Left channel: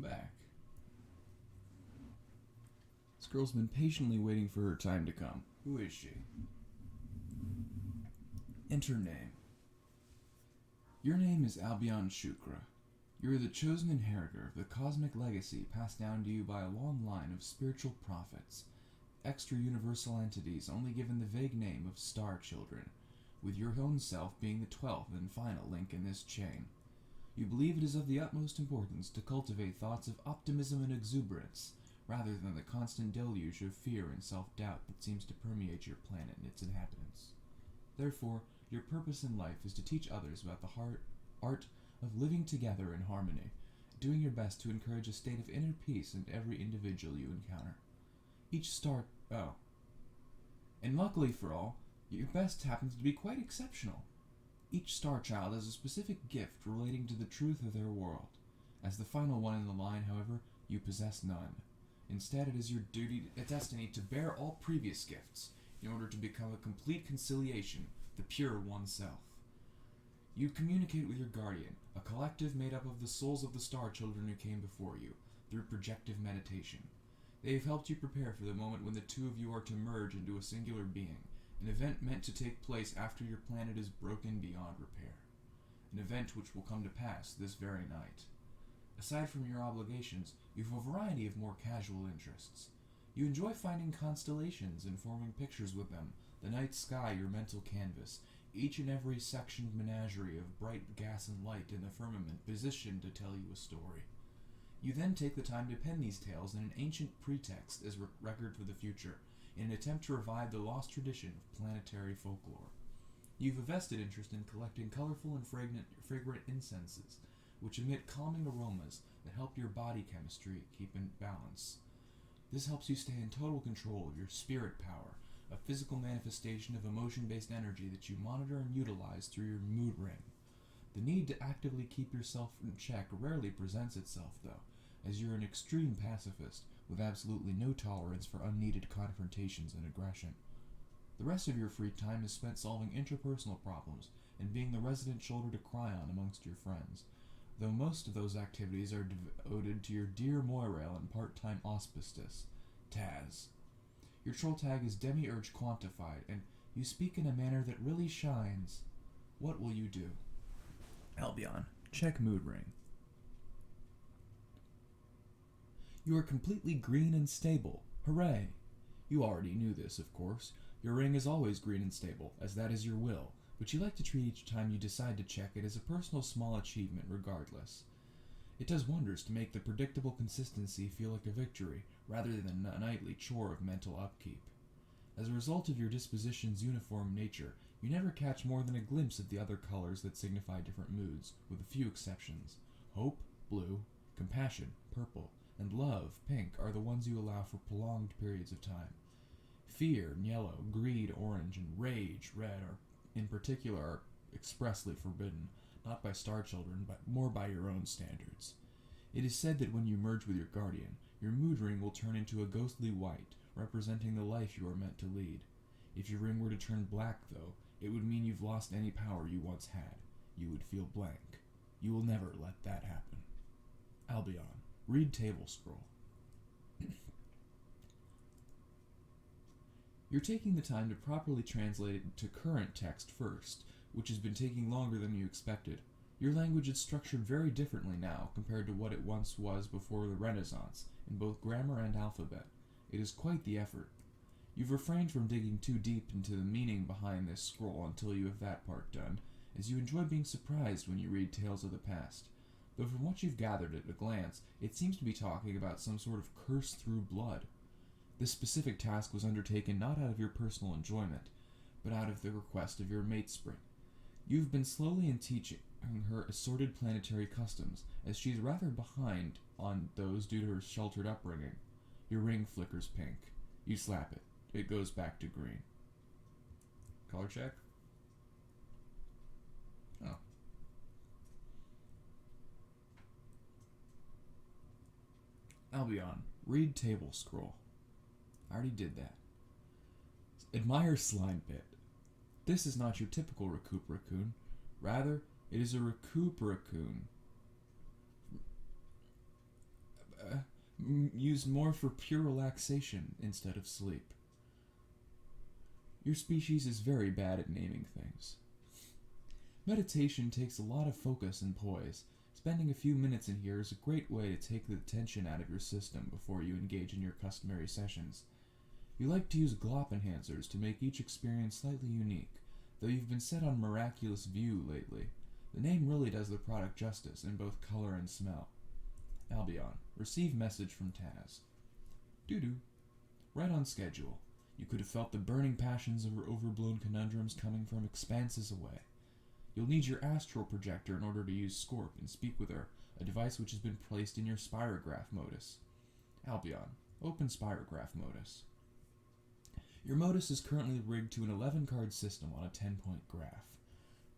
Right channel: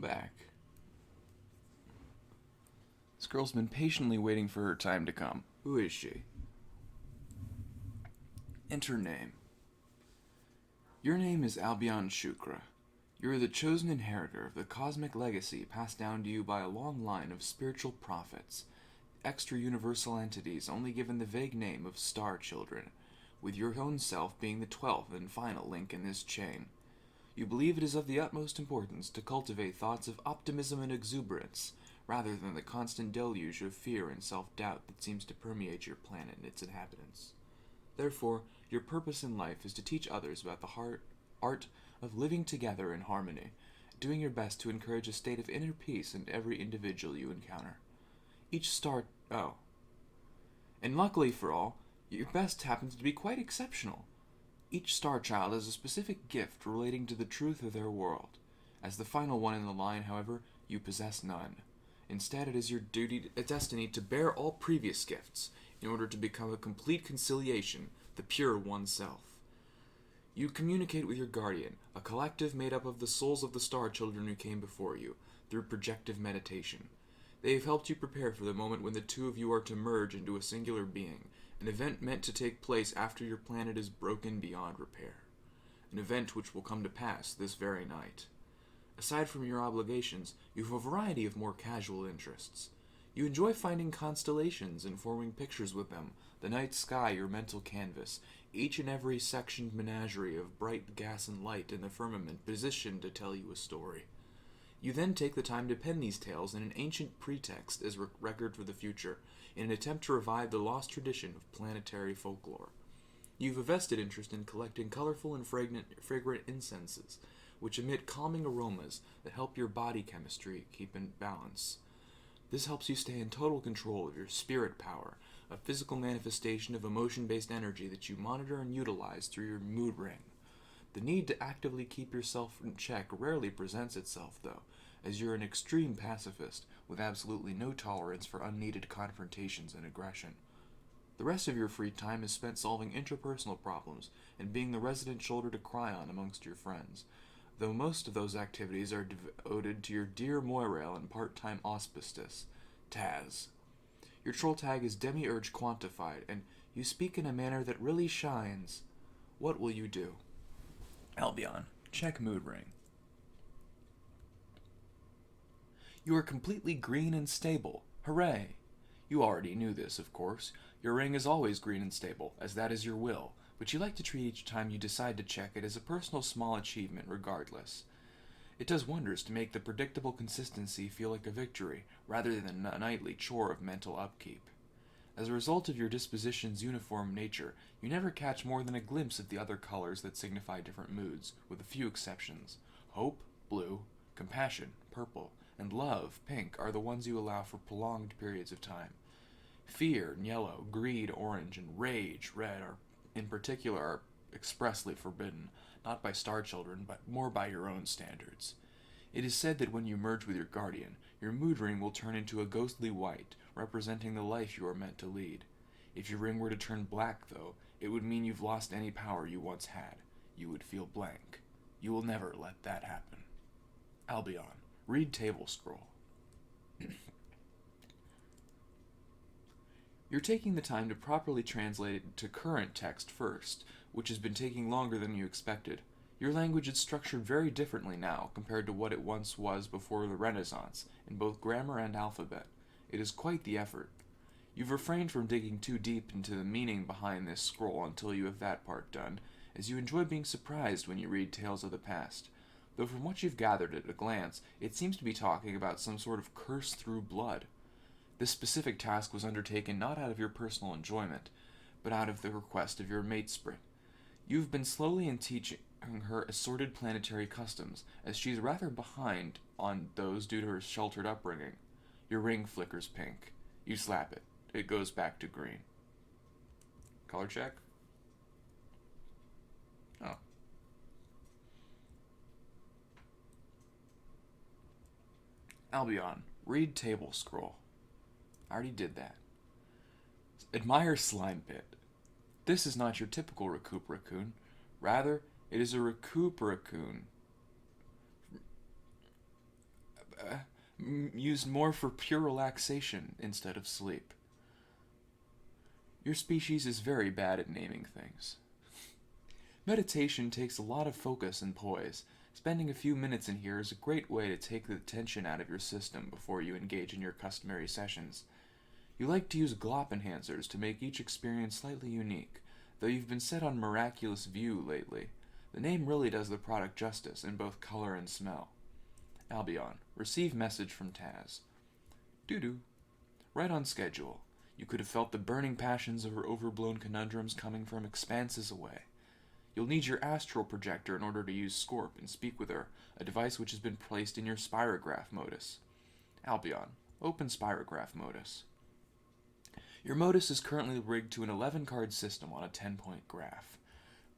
Welcome back. This girl's been patiently waiting for her time to come. Who is she? Enter name. Your name is Albion Shukra. You are the chosen inheritor of the cosmic legacy passed down to you by a long line of spiritual prophets, extra-universal entities only given the vague name of Star Children, with your own self being the 12th and final link in this chain. You believe it is of the utmost importance to cultivate thoughts of optimism and exuberance, rather than the constant deluge of fear and self-doubt that seems to permeate your planet and its inhabitants. Therefore, your purpose in life is to teach others about the art of living together in harmony, doing your best to encourage a state of inner peace in every individual you encounter. And luckily for all, your best happens to be quite exceptional. Each star child has a specific gift relating to the truth of their world. As the final one in the line, however, you possess none. Instead, it is your destiny to bear all previous gifts, in order to become a complete conciliation, the pure oneself. You communicate with your guardian, a collective made up of the souls of the star children who came before you, through projective meditation. They have helped you prepare for the moment when the two of you are to merge into a singular being, an event meant to take place after your planet is broken beyond repair. An event which will come to pass this very night. Aside from your obligations, you have a variety of more casual interests. You enjoy finding constellations and forming pictures with them, the night sky your mental canvas, each and every sectioned menagerie of bright gas and light in the firmament positioned to tell you a story. You then take the time to pen these tales in an ancient pretext as record for the future, in an attempt to revive the lost tradition of planetary folklore. You have a vested interest in collecting colorful and fragrant incenses, which emit calming aromas that help your body chemistry keep in balance. This helps you stay in total control of your spirit power, a physical manifestation of emotion-based energy that you monitor and utilize through your mood ring. The need to actively keep yourself in check rarely presents itself, though, as you're an extreme pacifist with absolutely no tolerance for unneeded confrontations and aggression. The rest of your free time is spent solving interpersonal problems and being the resident shoulder to cry on amongst your friends, though most of those activities are devoted to your dear Moirail and part-time auspicious, Taz. Your troll tag is demiurge quantified, and you speak in a manner that really shines. What will you do? Albion, check mood ring. You are completely green and stable. Hooray! You already knew this, of course. Your ring is always green and stable, as that is your will, but you like to treat each time you decide to check it as a personal small achievement regardless. It does wonders to make the predictable consistency feel like a victory, rather than a nightly chore of mental upkeep. As a result of your disposition's uniform nature, you never catch more than a glimpse of the other colors that signify different moods, with a few exceptions. Hope, blue, compassion, purple, and love, pink, are the ones you allow for prolonged periods of time. Fear, yellow, greed, orange, and rage, red, in particular, are expressly forbidden, not by star children, but more by your own standards. It is said that when you merge with your guardian, your mood ring will turn into a ghostly white, representing the life you are meant to lead. If your ring were to turn black, though, it would mean you've lost any power you once had. You would feel blank. You will never let that happen. Albion, read table scroll. You're taking the time to properly translate it to current text first, which has been taking longer than you expected. Your language is structured very differently now compared to what it once was before the Renaissance, in both grammar and alphabet. It is quite the effort. You've refrained from digging too deep into the meaning behind this scroll until you have that part done, as you enjoy being surprised when you read tales of the past. Though from what you've gathered at a glance, it seems to be talking about some sort of curse through blood. This specific task was undertaken not out of your personal enjoyment, but out of the request of your mate Spring. You've been slowly in teaching her assorted planetary customs, as she's rather behind on those due to her sheltered upbringing. Your ring flickers pink. You slap it. It goes back to green. Color check? Oh. Albion, read table scroll. I already did that. Admire slime pit. This is not your typical recoup raccoon. Rather, it is a recoup raccoon. used more for pure relaxation instead of sleep. Your species is very bad at naming things. Meditation takes a lot of focus and poise. Spending a few minutes in here is a great way to take the tension out of your system before you engage in your customary sessions. You like to use glop enhancers to make each experience slightly unique, though you've been set on miraculous view lately. The name really does the product justice in both color and smell. Albion. Receive message from Taz. Doo-doo. Right on schedule. You could have felt the burning passions over overblown conundrums coming from expanses away. You'll need your astral projector in order to use Scorp and speak with her, a device which has been placed in your spirograph modus. Albion. Open spirograph modus. Your modus is currently rigged to an 11-card system on a 10-point graph.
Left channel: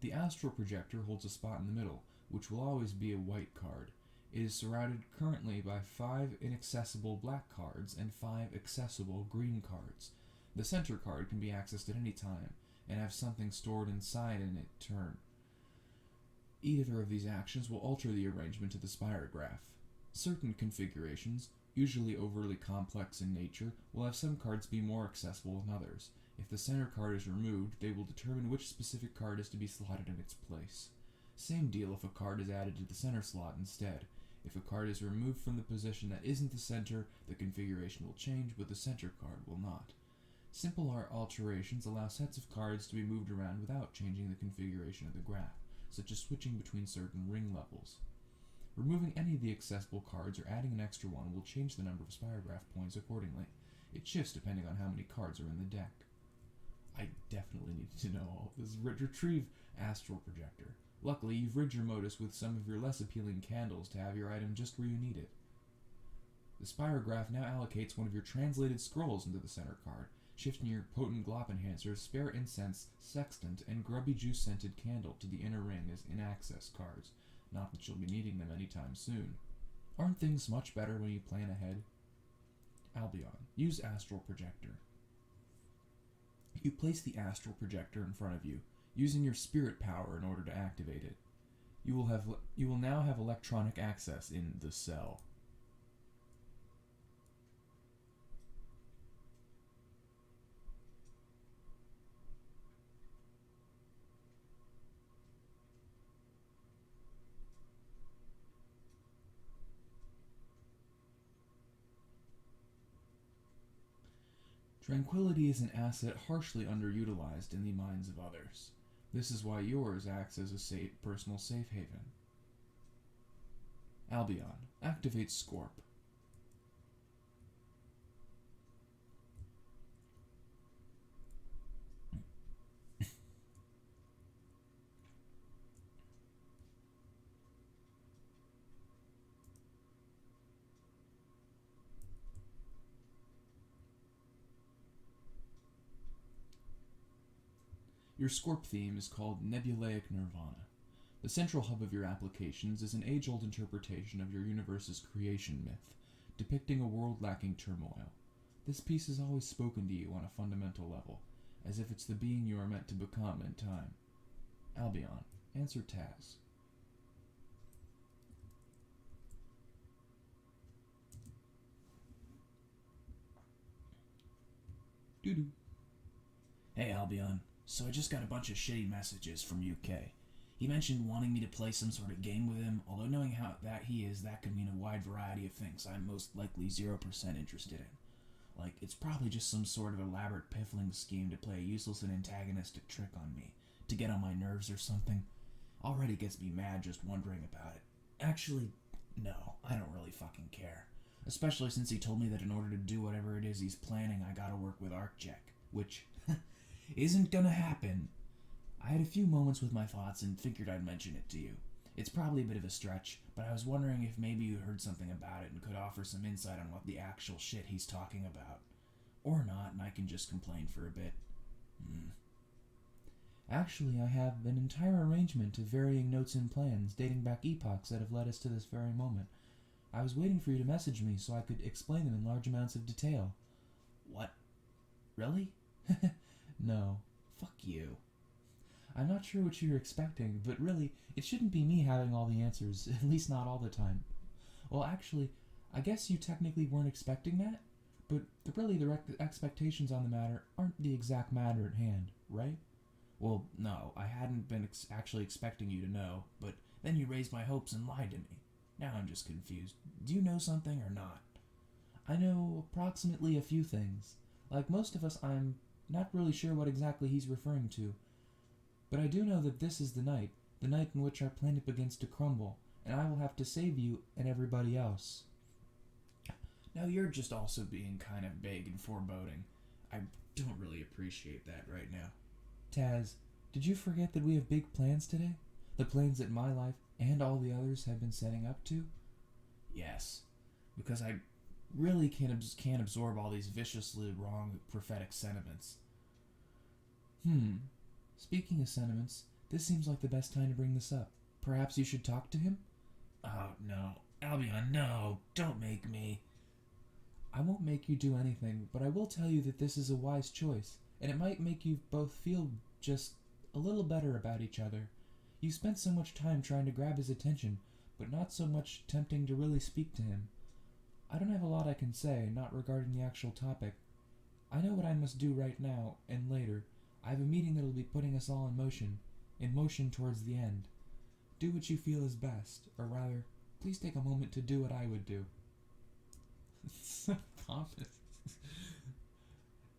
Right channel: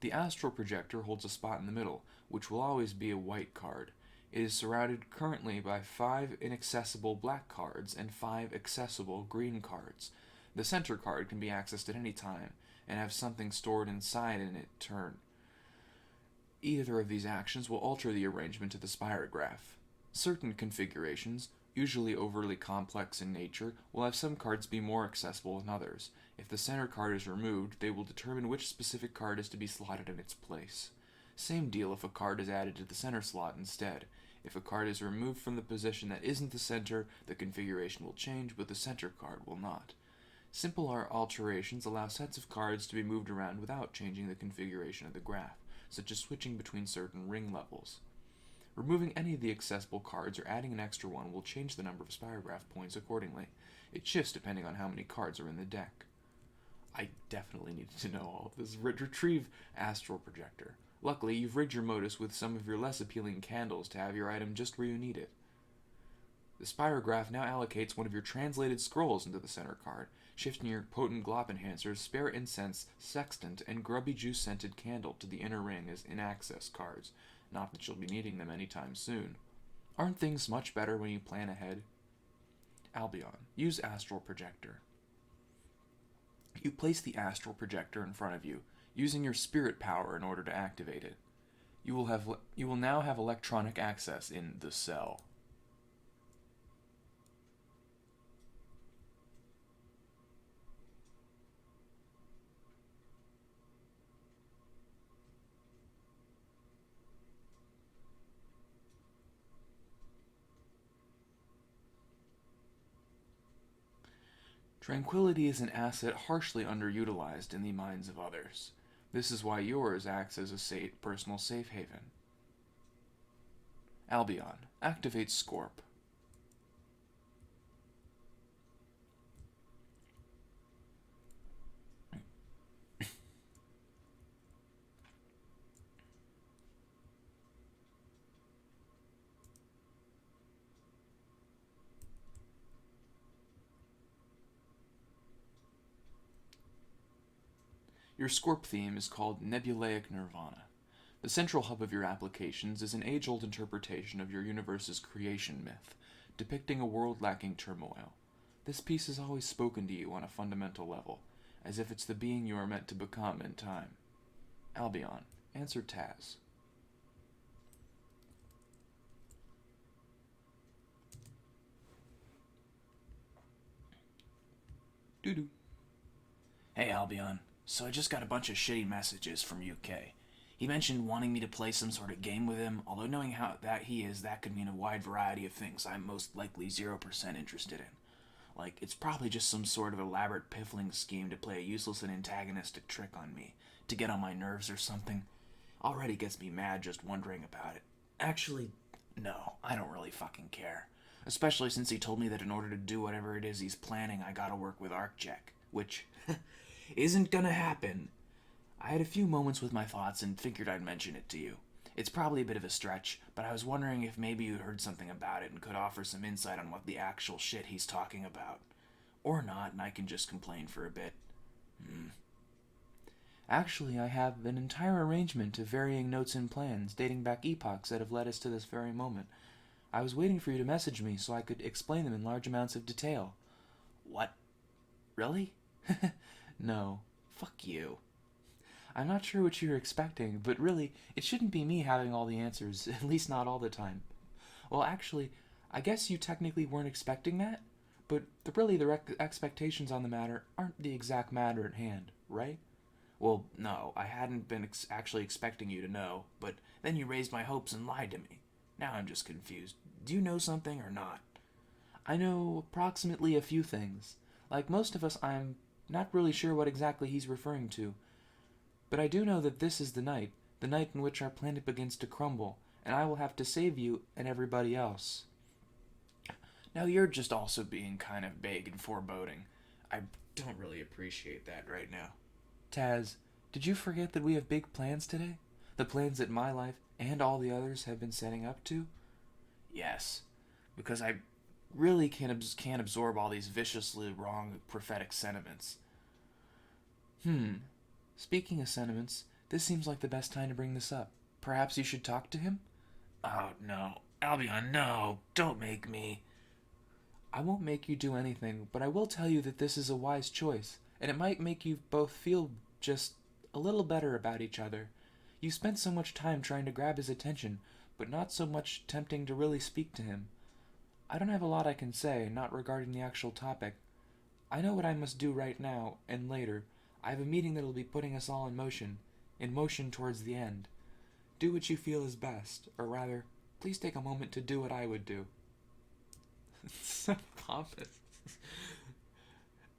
The astral projector holds a spot in the middle, which will always be a white card. It is surrounded currently by 5 inaccessible black cards and 5 accessible green cards. The center card can be accessed at any time, and have something stored inside in its turn. Either of these actions will alter the arrangement of the spirograph. Certain configurations, usually overly complex in nature, will have some cards be more accessible than others. If the center card is removed, they will determine which specific card is to be slotted in its place. Same deal if a card is added to the center slot instead. If a card is removed from the position that isn't the center, the configuration will change, but the center card will not. Simple alterations allow sets of cards to be moved around without changing the configuration of the graph, such as switching between certain ring levels. Removing any of the accessible cards or adding an extra one will change the number of spirograph points accordingly. It shifts depending on how many cards are in the deck. I definitely needed to know all of this. Retrieve astral projector. Luckily, you've rigged your modus with some of your less appealing candles to have your item just where you need it. The spirograph now allocates one of your translated scrolls into the center card, shifting your potent glop enhancers, spare incense, sextant, and grubby juice-scented candle to the inner ring as in-access cards. Not that you'll be needing them anytime soon. Aren't things much better when you plan ahead? Albion. Use astral projector. You place the astral projector in front of you, using your spirit power in order to activate it. You will now have electronic access in the cell. Tranquility is an asset harshly underutilized in the minds of others. This is why yours acts as a personal safe haven. Albion. Activate Scorp. Your Scorp theme is called Nebulaic Nirvana. The central hub of your applications is an age-old interpretation of your universe's creation myth, depicting a world lacking turmoil. This piece has always spoken to you on a fundamental level, as if it's the being you are meant to become in time. Albion. Answer Taz. Doo-doo. Hey Albion, so I just got a bunch of shitty messages from UK. He mentioned wanting me to play some sort of game with him, although knowing how that he is, that could mean a wide variety of things I'm most likely 0% interested in. Like, it's probably just some sort of elaborate piffling scheme to play a useless and antagonistic trick on me, to get on my nerves or something. Already gets me mad just wondering about it. Actually, no, I don't really fucking care. Especially since he told me that in order to do whatever it is he's planning, I gotta work with ArcJack, which isn't gonna happen. I had a few moments with my thoughts and figured I'd mention it to you. It's probably a bit of a stretch, but I was wondering if maybe you heard something about it and could offer some insight on what the actual shit he's talking about. Or not, and I can just complain for a bit. Actually, I have an entire arrangement of varying notes and plans dating back epochs that have led us to this very moment. I was waiting for you to message me so I could explain them in large amounts of detail. What? Really? No. Fuck you. I'm not sure what you're expecting, but really, it shouldn't be me having all the answers, at least not all the time. Well, actually, I guess you technically weren't expecting that, but really the expectations on the matter aren't the exact matter at hand, right? Well, no, I hadn't been actually expecting you to know, but then you raised my hopes and lied to me. Now I'm just confused. Do you know something or not? I know approximately a few things. Like most of us, I'm not really sure what exactly he's referring to. But I do know that this is the night in which our planet begins to crumble, and I will have to save you and everybody else. Now you're just also being kind of vague and foreboding. I don't really appreciate that right now. Taz, did you forget that we have big plans today? The plans that my life and all the others have been setting up to? Yes, because I really can't absorb all these viciously wrong prophetic sentiments. Speaking of sentiments, this seems like the best time to bring this up. Perhaps you should talk to him? Oh, no. Albion, no. Don't make me. I won't make you do anything, but I will tell you that this is a wise choice, and it might make you both feel just a little better about each other. You spent so much time trying to grab his attention, but not so much attempting to really speak to him. I don't have a lot I can say, not regarding the actual topic. I know what I must do right now, and later. I have a meeting that will be putting us all in motion towards the end. Do what you feel is best, or rather, please take a moment to do what I would do. So pompous.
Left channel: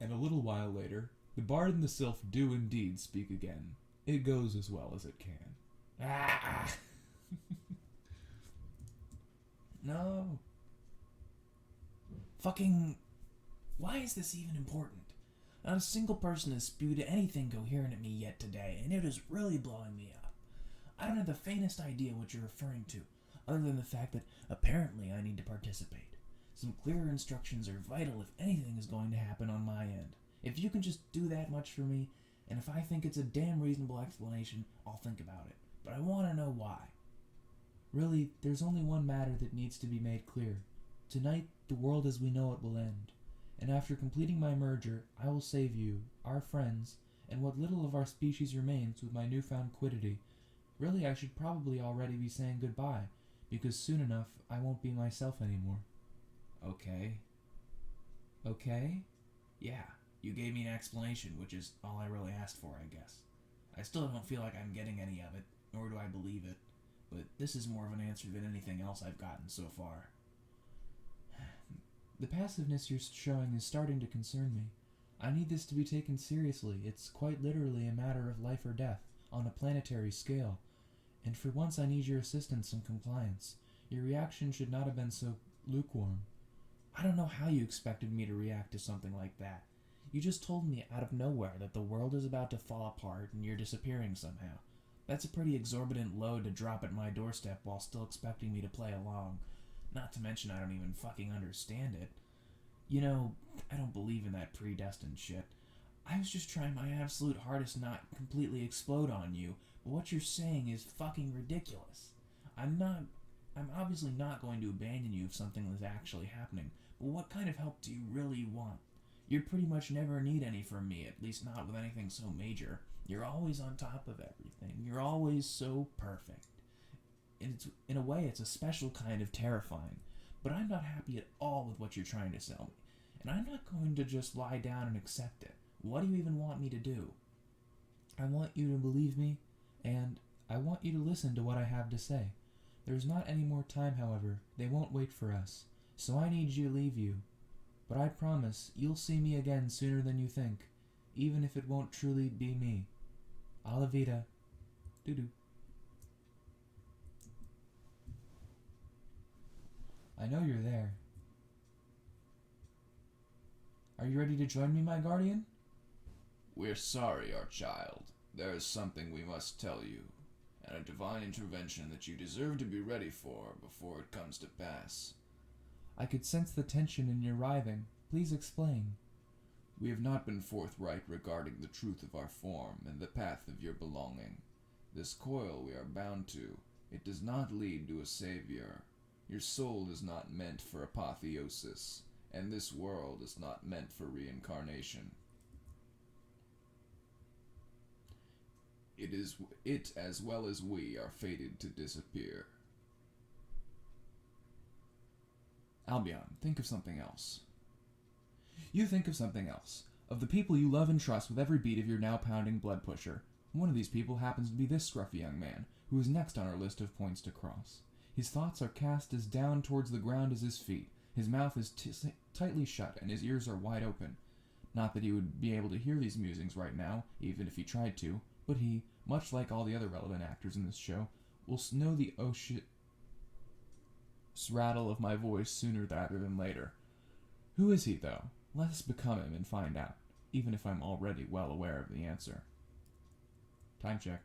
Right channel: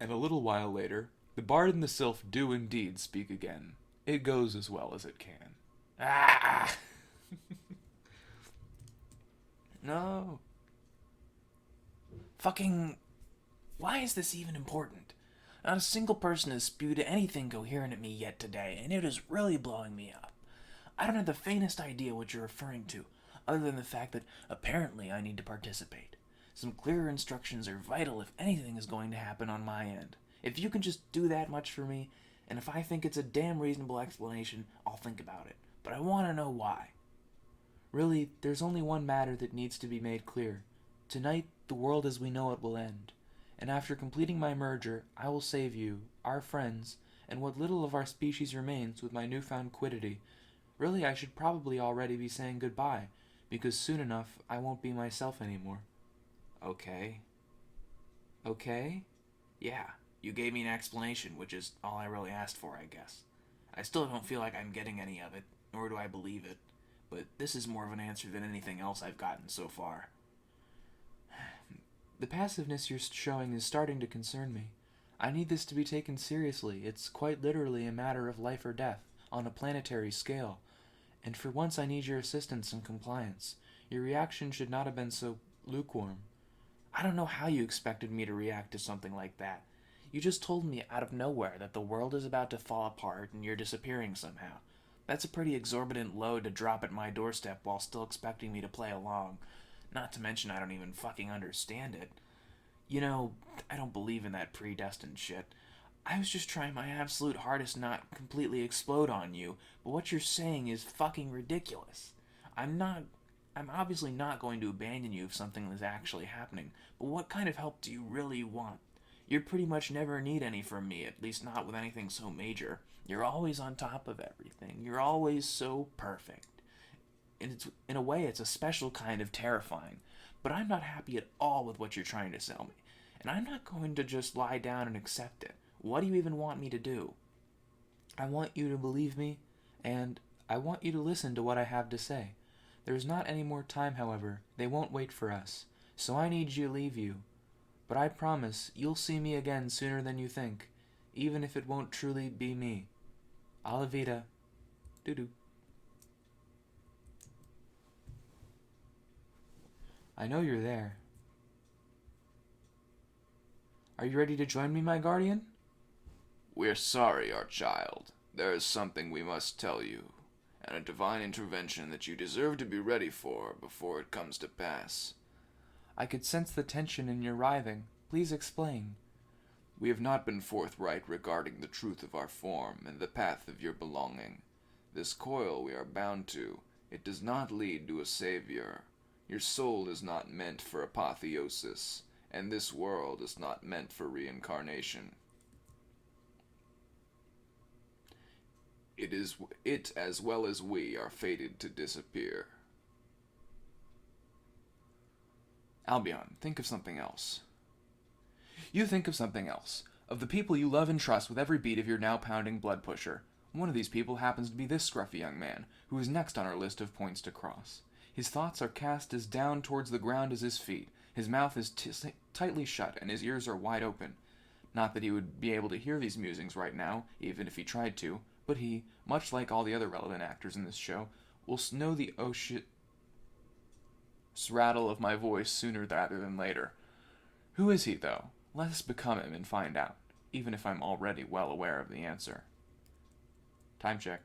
And a little while later, the bard and the sylph do indeed speak again. It goes as well as it can. Ah! No. Fucking. Why is this even important? Not a single person has spewed anything coherent at me yet today, and it is really blowing me up. I don't have the faintest idea what you're referring to, other than the fact that apparently I need to participate. Some clearer instructions are vital if anything is going to happen on my end. If you can just do that much for me, and if I think it's a damn reasonable explanation, I'll think about it. But I want to know why. Really, there's only one matter that needs to be made clear. Tonight, the world as we know it will end. And after completing my merger, I will save you, our friends, and what little of our species remains with my newfound quiddity. Really, I should probably already be saying goodbye, because soon enough I won't be myself anymore. Okay. Okay? Yeah, you gave me an explanation, which is all I really asked for, I guess. I still don't feel like I'm getting any of it, nor do I believe it, but this is more of an answer than anything else I've gotten so far. The passiveness you're showing is starting to concern me. I need this to be taken seriously. It's quite literally a matter of life or death, on a planetary scale. And for once I need your assistance and compliance. Your reaction should not have been so lukewarm. I don't know how you expected me to react to something like that. You just told me out of nowhere that the world is about to fall apart and you're disappearing somehow. That's a pretty exorbitant load to drop at my doorstep while still expecting me to play along. Not to mention I don't even fucking understand it. You know, I don't believe in that predestined shit. I was just trying my absolute hardest not completely explode on you, but what you're saying is fucking ridiculous. I'm obviously not going to abandon you if something is actually happening, but what kind of help do you really want? You pretty much never need any from me, at least not with anything so major. You're always on top of everything. You're always so perfect. In a way, it's a special kind of terrifying. But I'm not happy at all with what you're trying to sell me. And I'm not going to just lie down and accept it. What do you even want me to do? I want you to believe me, and I want you to listen to what I have to say. There's not any more time, however. They won't wait for us. So I need you to leave you. But I promise you'll see me again sooner than you think, even if it won't truly be me. Alla vida. Doo-doo. I know you're there. Are you ready to join me, my guardian? We're sorry, our child. There is something we must tell you, and a divine intervention that you deserve to be ready for before it comes to pass. I could sense the tension in your writhing. Please explain. We have not been forthright regarding the truth of our form and the path of your belonging. This coil we are bound to, it does not lead to a savior. Your soul is not meant for apotheosis, and this world is not meant for reincarnation. It as well as we are fated to disappear. Albion, think of something else. You think of something else. Of the people you love and trust with every beat of your now pounding blood pusher. One of these people happens to be this scruffy young man, who is next on our list of points to cross. His thoughts are cast as down towards the ground as his feet. His mouth is tightly shut, and his ears are wide open. Not that he would be able to hear these musings right now, even if he tried to, but he, much like all the other relevant actors in this show, will know the rattle of my voice sooner rather than later. Who is he, though? Let us become him and find out, even if I'm already well aware of the answer. Time check.